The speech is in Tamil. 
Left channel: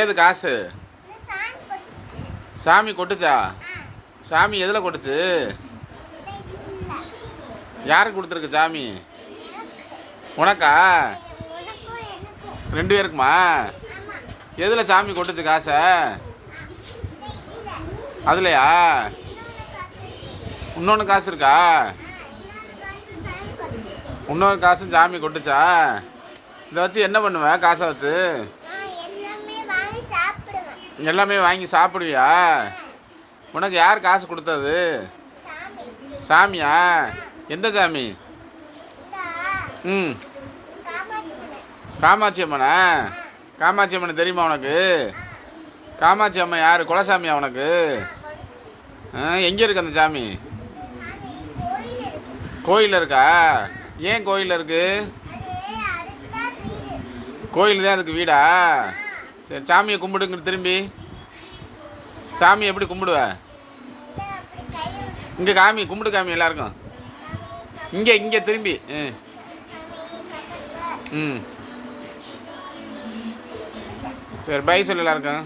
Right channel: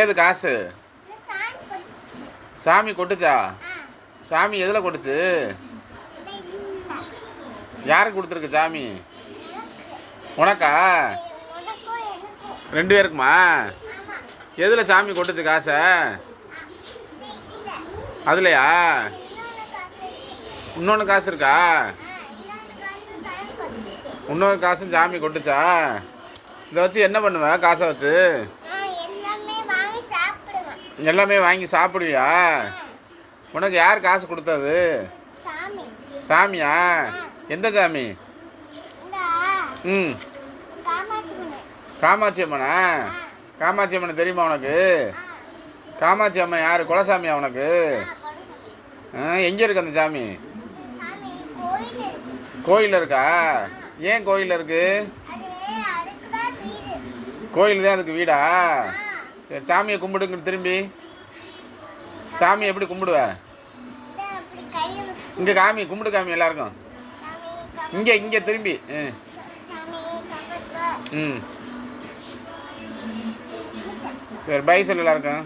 ஏது காசு? சாமி கொட்டுச்சா? சாமி எதில் கொட்டுச்சு? யாருக்கு கொடுத்துருக்கு சாமி? உனக்கா? ரெண்டு பேருக்குமா? எதில் சாமி கொட்டுச்சு காசை? அதுலையா? காசு இன்னொன்று காசு இருக்கா? இன்னொரு காசும் சாமி கொட்டுச்சா? இதை வச்சு என்ன பண்ணுவ? காசை வச்சு? எல்லாமே வாங்கி சாப்பிடுவியா? உனக்கு யார் காசு கொடுத்தது? சாமி. சாமியா? எந்த சாமி? ம். காமாட்சி அம்மனா. காமாட்சி அம்மன்? தெரியுமா உனக்கு? காமாட்சி அம்மன் யார்? குலசாமியா உனக்கு? எங்கே இருக்கு அந்த சாமி? சாமி கோயில் இருக்கு. கோயிலில் இருக்கா? ஏன் கோயிலில் இருக்கு அது அதுக்கு தான் வீடு கோயில் தான் அதுக்கு வீடா? சரி சாமியை கும்பிடுங்க திரும்பி. சாமி எப்படி கும்பிடுவ? இங்கே காமி கும்பிடு காமி எல்லாருக்கும். இங்கே இங்கே திரும்பி. ம் ம். சரி பை சொல்லு எல்லாருக்கும்.